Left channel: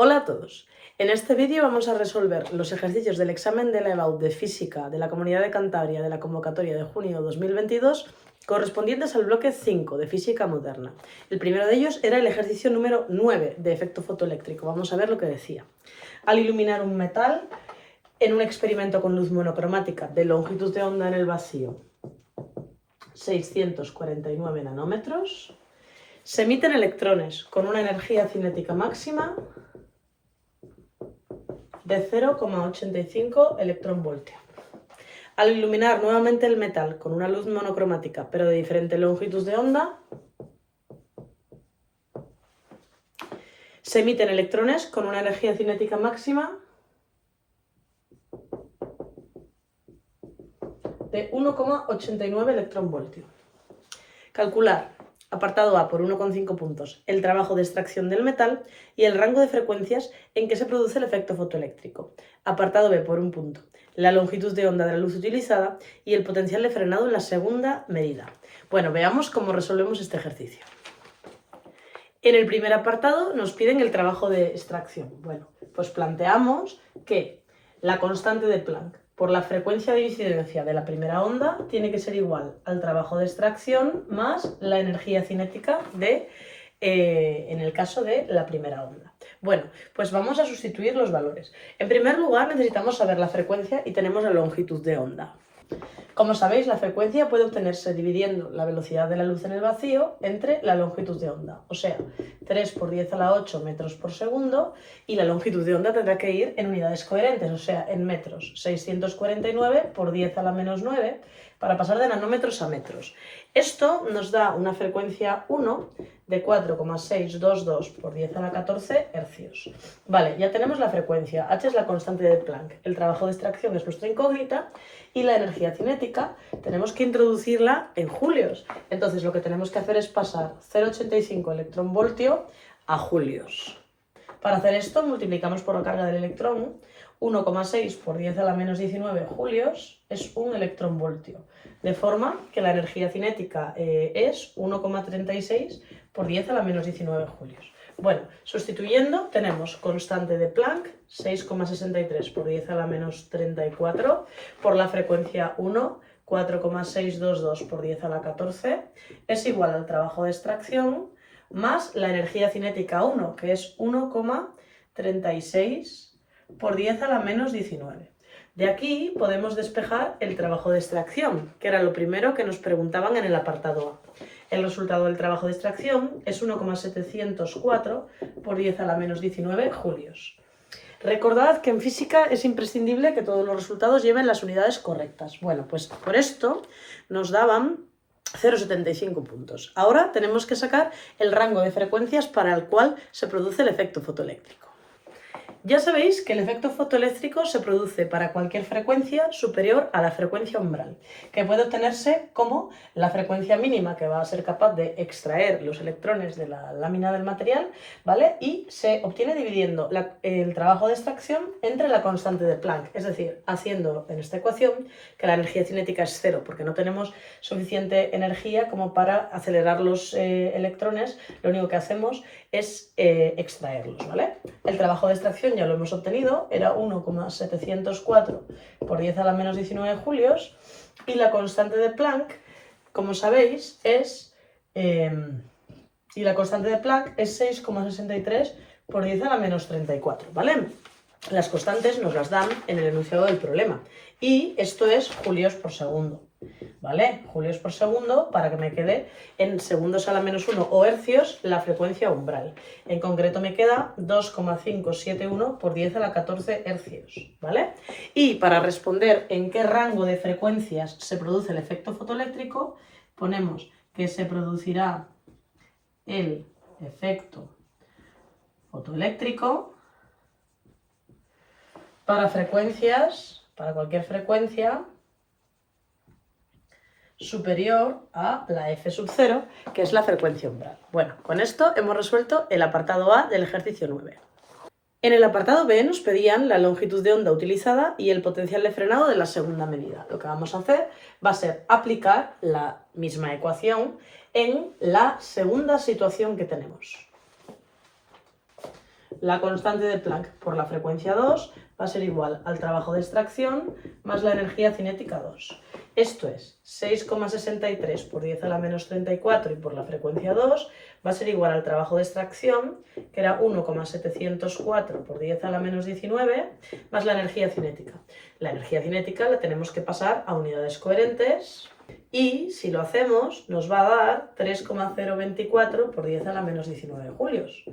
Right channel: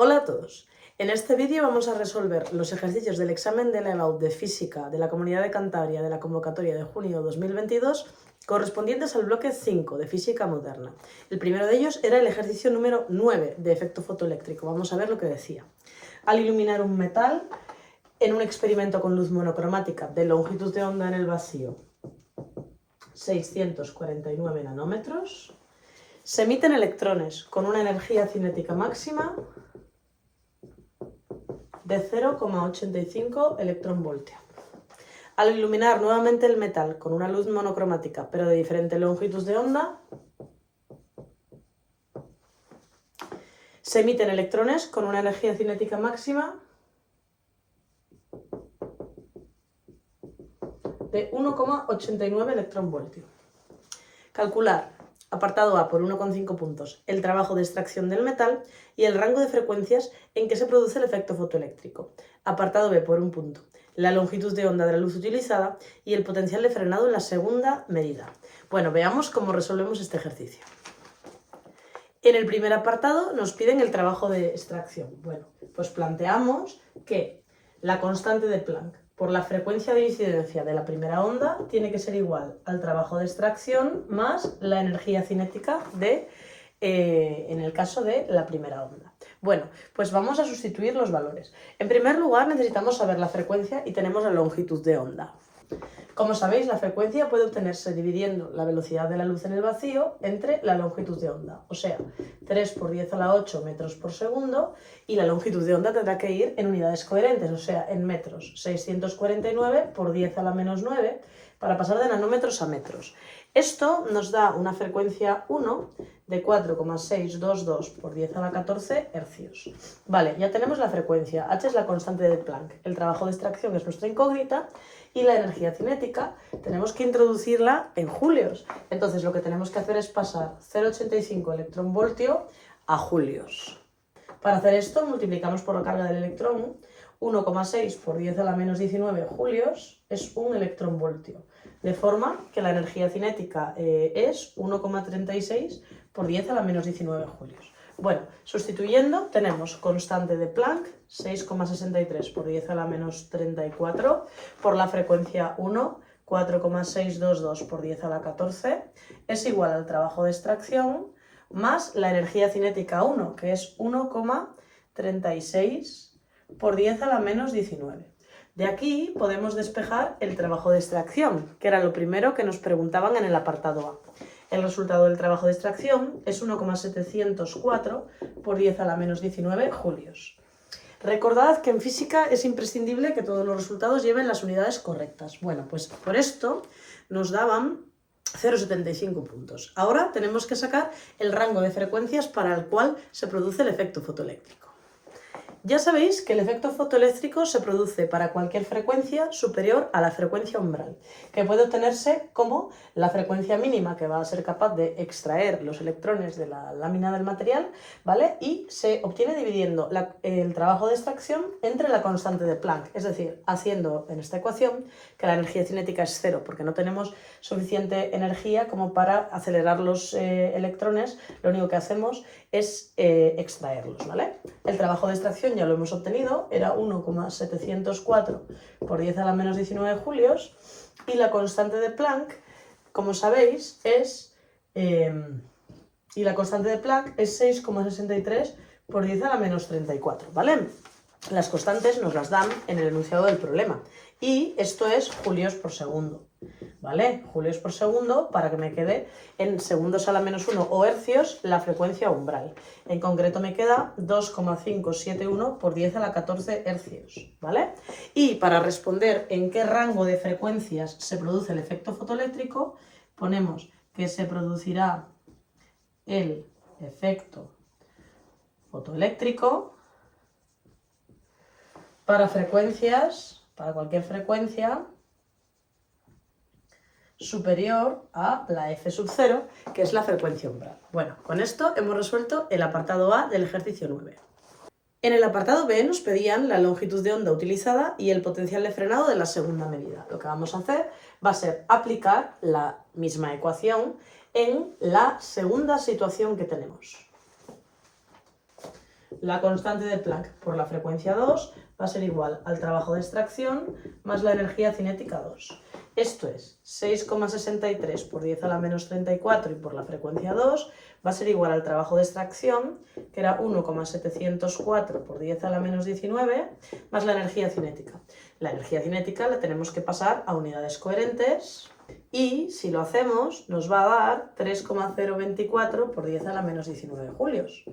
Hola a todos. En este vídeo vamos a resolver los ejercicios del examen de la EBAU de Física de la Comunidad de Cantabria de la convocatoria de junio 2022 correspondientes al bloque 5 de Física Moderna. El primero de ellos era el ejercicio número 9 de efecto fotoeléctrico. Vamos a ver lo que decía. Al iluminar un metal en un experimento con luz monocromática de longitud de onda en el vacío 649 nanómetros, se emiten electrones con una energía cinética máxima de 0,85 electronvoltio. Al iluminar nuevamente el metal con una luz monocromática, pero de diferente longitud de onda, se emiten electrones con una energía cinética máxima de 1,89 electronvoltio. Calcular, apartado A por 1,5 puntos, el trabajo de extracción del metal y el rango de frecuencias en que se produce el efecto fotoeléctrico. Apartado B por 1 punto, la longitud de onda de la luz utilizada y el potencial de frenado en la segunda medida. Bueno, veamos cómo resolvemos este ejercicio. En el primer apartado nos piden el trabajo de extracción. Bueno, pues planteamos que la constante de Planck por la frecuencia de incidencia de la primera onda tiene que ser igual al trabajo de extracción más la energía cinética en el caso de la primera onda. Bueno, pues vamos a sustituir los valores. En primer lugar necesitamos saber la frecuencia y tenemos la longitud de onda. Como sabéis, la frecuencia puede obtenerse dividiendo la velocidad de la luz en el vacío entre la longitud de onda, o sea, 3 por 10 a la 8 metros por segundo, y la longitud de onda tendrá que ir en unidades coherentes, o sea, en metros, 649 por 10 a la menos 9, para pasar de nanómetros a metros. Esto nos da una frecuencia 1 de 4,622 por 10 a la 14 hercios. Vale, ya tenemos la frecuencia. H es la constante de Planck. El trabajo de extracción es nuestra incógnita y la energía cinética tenemos que introducirla en julios. Entonces lo que tenemos que hacer es pasar 0,85 electronvoltio a julios. Para hacer esto multiplicamos por la carga del electrón. 1,6 por 10 a la menos 19 julios es 1 electronvoltio. De forma que la energía cinética es 1,36 por 10 a la menos 19 julios. Bueno, sustituyendo tenemos constante de Planck, 6,63 por 10 a la menos 34, por la frecuencia 1, 4,622 por 10 a la 14, es igual al trabajo de extracción, más la energía cinética 1, que es 1,36 por 10 a la menos 19. De aquí podemos despejar el trabajo de extracción, que era lo primero que nos preguntaban en el apartado A. El resultado del trabajo de extracción es 1,704 por 10 a la menos 19 julios. Recordad que en física es imprescindible que todos los resultados lleven las unidades correctas. Bueno, pues por esto nos daban 0,75 puntos. Ahora tenemos que sacar el rango de frecuencias para el cual se produce el efecto fotoeléctrico. Ya sabéis que el efecto fotoeléctrico se produce para cualquier frecuencia superior a la frecuencia umbral, que puede obtenerse como la frecuencia mínima que va a ser capaz de extraer los electrones de la lámina del material, ¿vale? Y se obtiene dividiendo el trabajo de extracción entre la constante de Planck, es decir, haciendo en esta ecuación que la energía cinética es cero, porque no tenemos suficiente energía como para acelerar los electrones, lo único que hacemos es extraerlos, ¿vale? El trabajo de extracción ya lo hemos obtenido, era 1,704 por 10 a la menos 19 julios, y la constante de Planck, como sabéis, es 6,63 por 10 a la menos 34, ¿vale? Las constantes nos las dan en el enunciado del problema, y esto es julios por segundo, ¿vale? Julios por segundo para que me quede en segundos a la menos 1 o hercios la frecuencia umbral. En concreto me queda 2,571 por 10 a la 14 hercios, ¿vale? Y para responder en qué rango de frecuencias se produce el efecto fotoeléctrico, ponemos que se producirá el efecto fotoeléctrico para cualquier frecuencia superior a la f sub 0, que es la frecuencia umbral. Bueno, con esto hemos resuelto el apartado A del ejercicio 9. En el apartado B nos pedían la longitud de onda utilizada y el potencial de frenado de la segunda medida. Lo que vamos a hacer va a ser aplicar la misma ecuación en la segunda situación que tenemos. la constante de Planck por la frecuencia 2 va a ser igual al trabajo de extracción más la energía cinética 2. Esto es 6,63 por 10 a la menos 34 y por la frecuencia 2 va a ser igual al trabajo de extracción, que era 1,704 por 10 a la menos 19, más la energía cinética. La energía cinética la tenemos que pasar a unidades coherentes y, si lo hacemos, nos va a dar 3,024 por 10 a la menos 19 julios.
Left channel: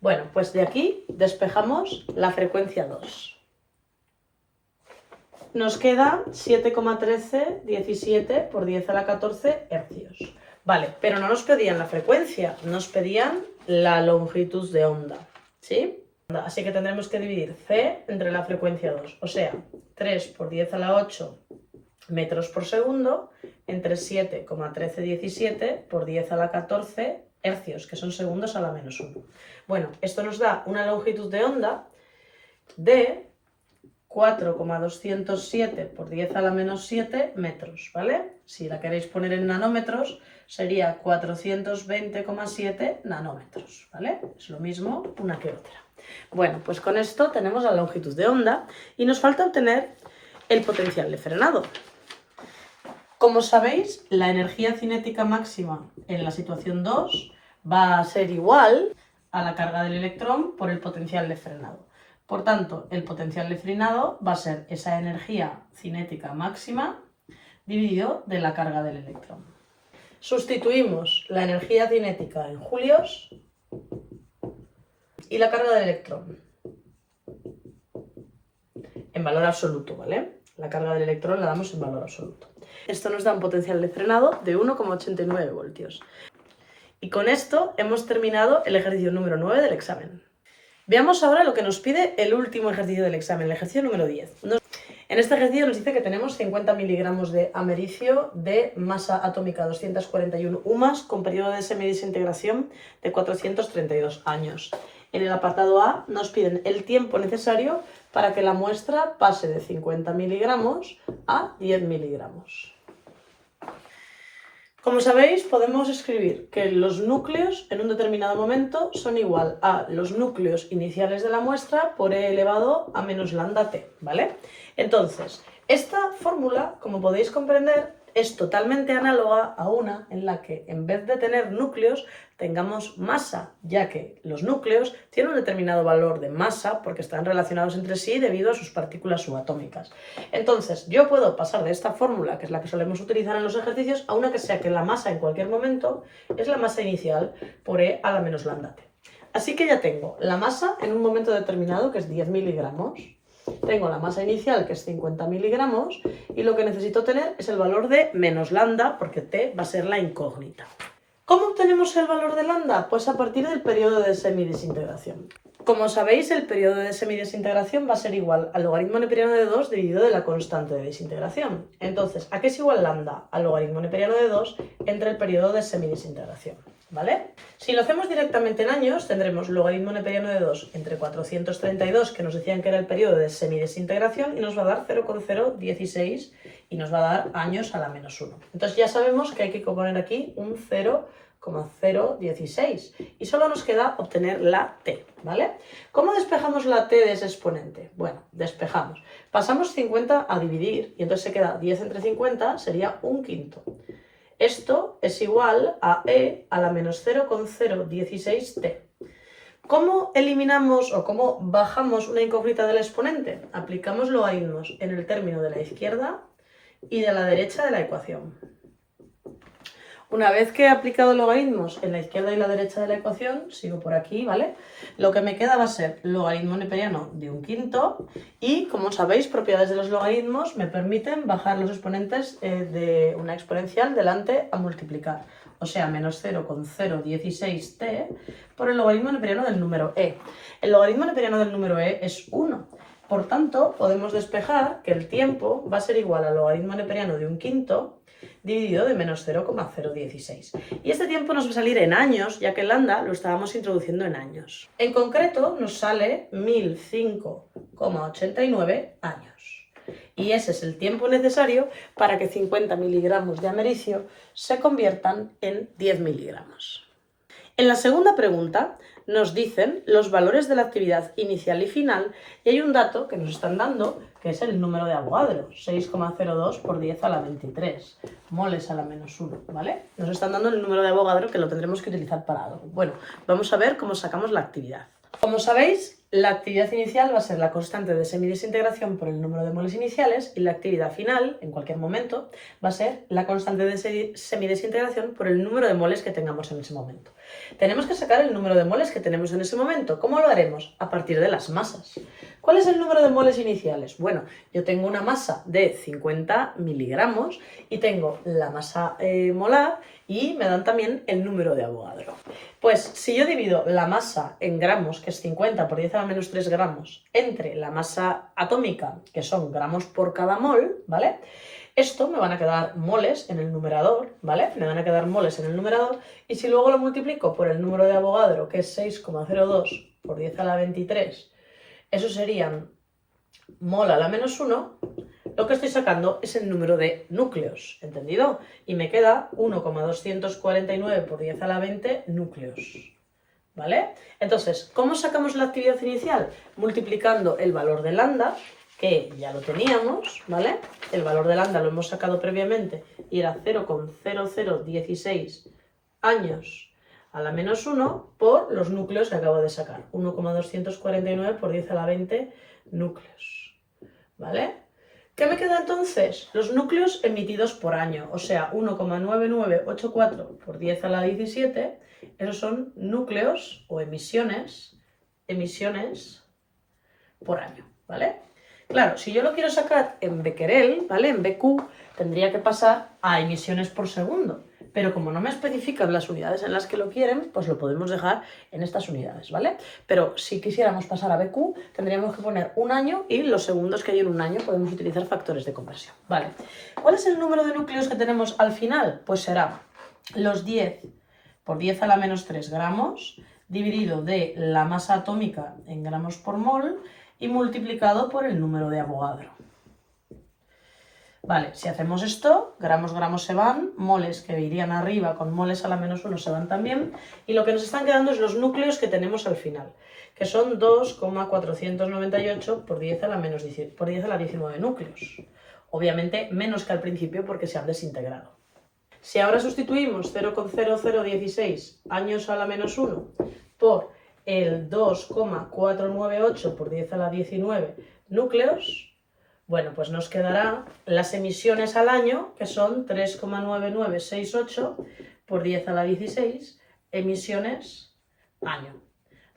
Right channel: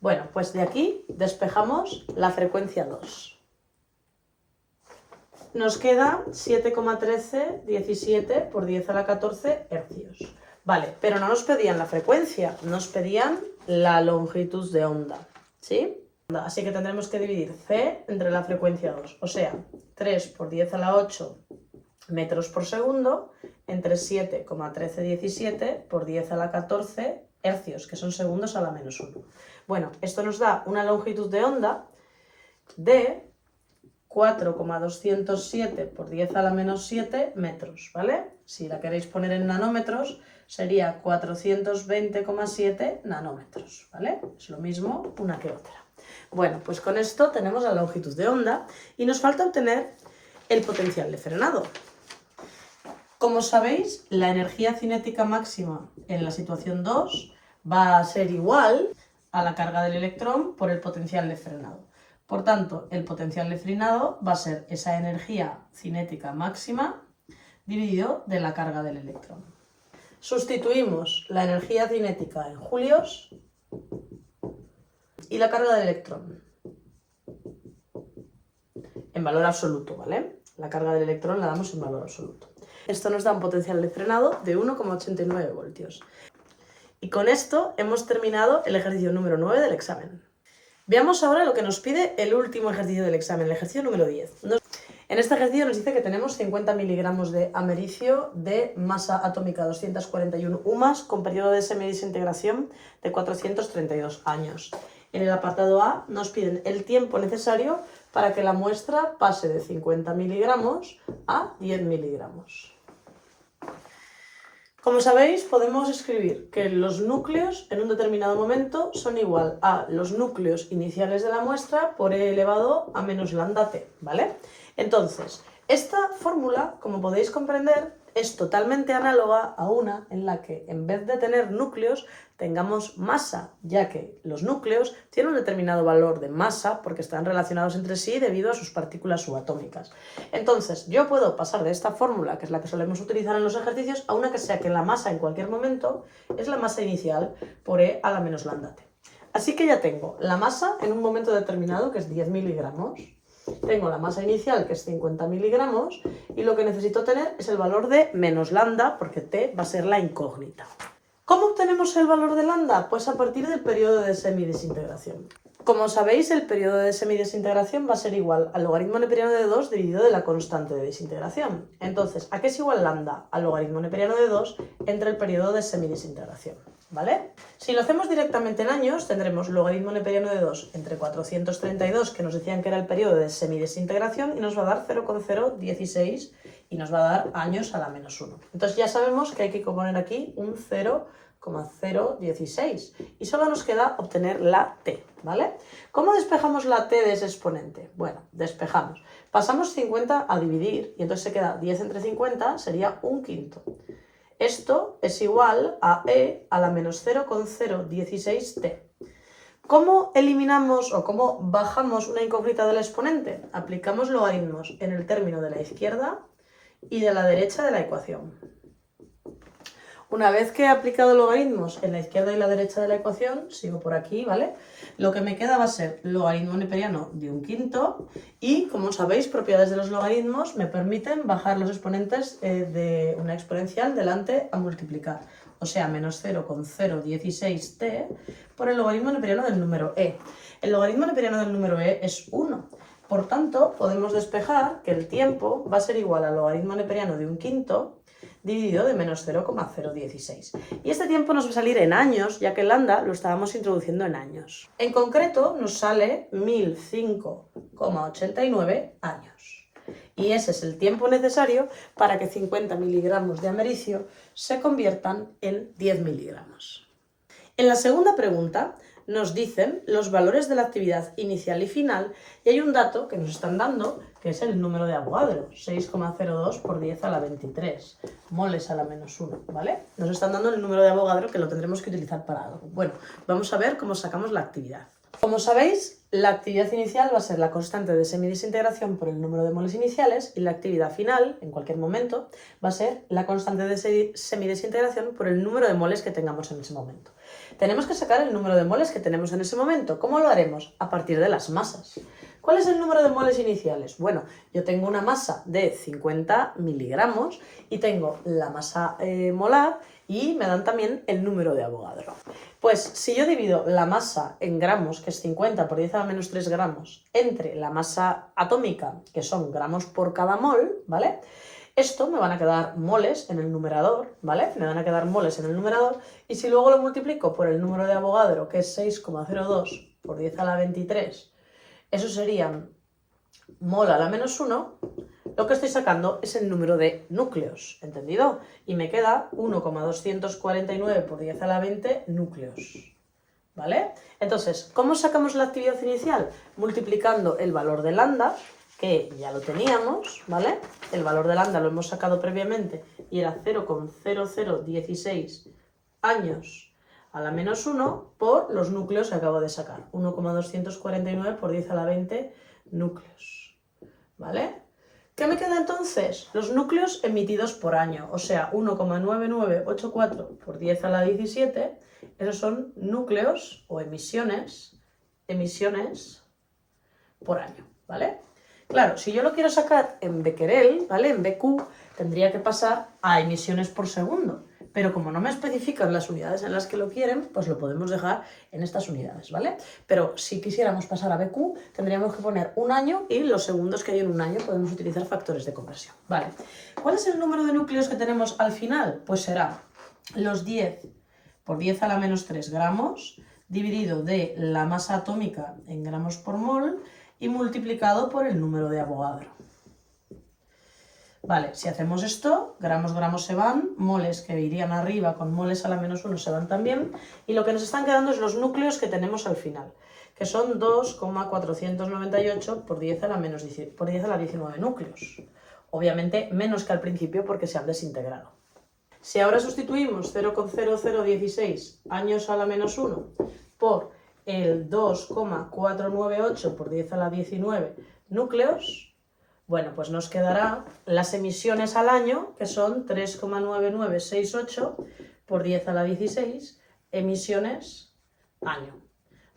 Bueno, pues de aquí despejamos la frecuencia 2. Nos queda 7,1317 por 10 a la 14 hercios. Vale, pero no nos pedían la frecuencia, nos pedían la longitud de onda, ¿sí? Así que tendremos que dividir C entre la frecuencia 2, o sea, 3 por 10 a la 8 metros por segundo entre 7,1317 por 10 a la 14 hercios, que son segundos a la menos 1. Bueno, esto nos da una longitud de onda de 4,207 por 10 a la menos 7 metros, ¿vale? Si la queréis poner en nanómetros, sería 420,7 nanómetros, ¿vale? Es lo mismo una que otra. Bueno, pues con esto tenemos la longitud de onda y nos falta obtener el potencial de frenado. Como sabéis, la energía cinética máxima en la situación 2 va a ser igual a la carga del electrón por el potencial de frenado. Por tanto, el potencial de frenado va a ser esa energía cinética máxima dividido de la carga del electrón. Sustituimos la energía cinética en julios y la carga del electrón en valor absoluto, ¿vale? La carga del electrón la damos en valor absoluto. Esto nos da un potencial de frenado de 1,89 voltios. Y con esto hemos terminado el ejercicio número 9 del examen. Veamos ahora lo que nos pide el último ejercicio del examen, el ejercicio número 10. En este ejercicio nos dice que tenemos 50 miligramos de americio de masa atómica 241 UMAS con periodo de semidesintegración de 432 años. En el apartado A nos piden el tiempo necesario para que la muestra pase de 50 miligramos a 10 miligramos. Como sabéis, podemos escribir que los núcleos en un determinado momento son igual a los núcleos iniciales de la muestra por e elevado a menos lambda t, ¿vale? Entonces, esta fórmula, como podéis comprender, es totalmente análoga a una en la que en vez de tener núcleos tengamos masa, ya que los núcleos tienen un determinado valor de masa porque están relacionados entre sí debido a sus partículas subatómicas. Entonces, yo puedo pasar de esta fórmula, que es la que solemos utilizar en los ejercicios, a una que sea que la masa en cualquier momento es la masa inicial por e a la menos lambda t. Así que ya tengo la masa en un momento determinado, que es 10 miligramos. Tengo la masa inicial, que es 50 miligramos, y lo que necesito tener es el valor de menos lambda, porque t va a ser la incógnita. ¿Cómo obtenemos el valor de lambda? Pues a partir del periodo de semidesintegración. Como sabéis, el periodo de semidesintegración va a ser igual al logaritmo neperiano de 2 dividido de la constante de desintegración. Entonces, ¿a qué es igual lambda? Al logaritmo neperiano de 2 entre el periodo de semidesintegración, ¿vale? Si lo hacemos directamente en años, tendremos logaritmo neperiano de 2 entre 432, que nos decían que era el periodo de semidesintegración, y nos va a dar 0,016 y nos va a dar años a la menos 1. Entonces ya sabemos que hay que poner aquí un 0,016 y solo nos queda obtener la t, ¿vale? ¿Cómo despejamos la t de ese exponente? Bueno, despejamos. Pasamos 50 a dividir y entonces se queda 10 entre 50, sería un quinto. Esto es igual a e a la menos 0,016t. ¿Cómo eliminamos o cómo bajamos una incógnita del exponente? Aplicamos logaritmos en el término de la izquierda y de la derecha de la ecuación. Una vez que he aplicado logaritmos en la izquierda y la derecha de la ecuación, sigo por aquí, ¿vale? Lo que me queda va a ser logaritmo neperiano de un quinto y, como sabéis, propiedades de los logaritmos me permiten bajar los exponentes de una exponencial delante a multiplicar. O sea, menos 0,016t por el logaritmo neperiano del número e. El logaritmo neperiano del número e es 1. Por tanto, podemos despejar que el tiempo va a ser igual al logaritmo neperiano de un quinto dividido de menos 0,016. Y este tiempo nos va a salir en años, ya que el lambda lo estábamos introduciendo en años. En concreto, nos sale 1005,89 años. Y ese es el tiempo necesario para que 50 miligramos de americio se conviertan en 10 miligramos. En la segunda pregunta nos dicen los valores de la actividad inicial y final y hay un dato que nos están dando que es el número de Avogadro, 6,02 por 10 a la 23, moles a la menos 1, ¿vale? Nos están dando el número de Avogadro que lo tendremos que utilizar para algo. Bueno, vamos a ver cómo sacamos la actividad. Como sabéis, la actividad inicial va a ser la constante de semidesintegración por el número de moles iniciales y la actividad final, en cualquier momento, va a ser la constante de semidesintegración por el número de moles que tengamos en ese momento. Tenemos que sacar el número de moles que tenemos en ese momento. ¿Cómo lo haremos? A partir de las masas. ¿Cuál es el número de moles iniciales? Bueno, yo tengo una masa de 50 miligramos y tengo la masa molar y me dan también el número de Avogadro. Pues si yo divido la masa en gramos, que es 50 por 10 a la menos 3 gramos, entre la masa atómica, que son gramos por cada mol, ¿vale? Esto me van a quedar moles en el numerador, ¿vale? Me van a quedar moles en el numerador y si luego lo multiplico por el número de Avogadro, que es 6,02 por 10 a la 23, eso serían mol a la menos 1, lo que estoy sacando es el número de núcleos, ¿entendido? Y me queda 1,249 por 10 a la 20 núcleos, ¿vale? Entonces, ¿cómo sacamos la actividad inicial? Multiplicando el valor de lambda, que ya lo teníamos, ¿vale? El valor de lambda lo hemos sacado previamente y era 0,0016 años a la menos 1 por los núcleos que acabo de sacar, 1,249 por 10 a la 20 núcleos, ¿vale? ¿Qué me queda entonces? Los núcleos emitidos por año, o sea, 1,9984 por 10 a la 17, esos son núcleos o emisiones por año, ¿vale? Claro, si yo lo quiero sacar en becquerel, ¿vale? En BQ, tendría que pasar a emisiones por segundo. Pero como no me especifican las unidades en las que lo quieren, pues lo podemos dejar en estas unidades, ¿vale? Pero si quisiéramos pasar a BQ, tendríamos que poner un año y los segundos que hay en un año podemos utilizar factores de conversión, ¿vale? ¿Cuál es el número de núcleos que tenemos al final? Pues será los 10 por 10 a la menos 3 gramos dividido de la masa atómica en gramos por mol y multiplicado por el número de Avogadro. Vale, si hacemos esto, gramos se van, moles que irían arriba con moles a la menos 1 se van también, y lo que nos están quedando es los núcleos que tenemos al final, que son 2,498 por 10 a la 19 núcleos. Obviamente menos que al principio porque se han desintegrado. Si ahora sustituimos 0,0016 años a la menos 1 por el 2,498 por 10 a la 19 núcleos, bueno, pues nos quedará las emisiones al año, que son 3,9968 por 10 a la 16 emisiones año.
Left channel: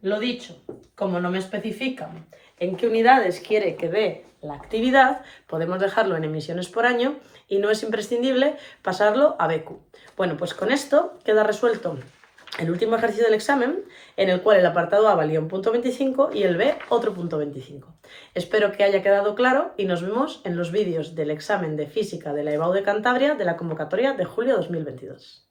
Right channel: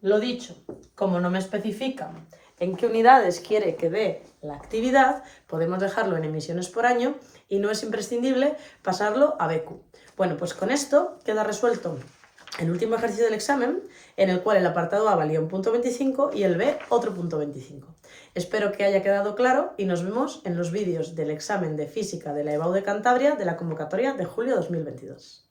Lo dicho, como no me especifican en qué unidades quiere que dé la actividad, podemos dejarlo en emisiones por año y no es imprescindible pasarlo a BQ. Bueno, pues con esto queda resuelto el último ejercicio del examen, en el cual el apartado A valía un punto 25 y el B otro punto 25. Espero que haya quedado claro y nos vemos en los vídeos del examen de física de la EBAU de Cantabria de la convocatoria de julio 2022.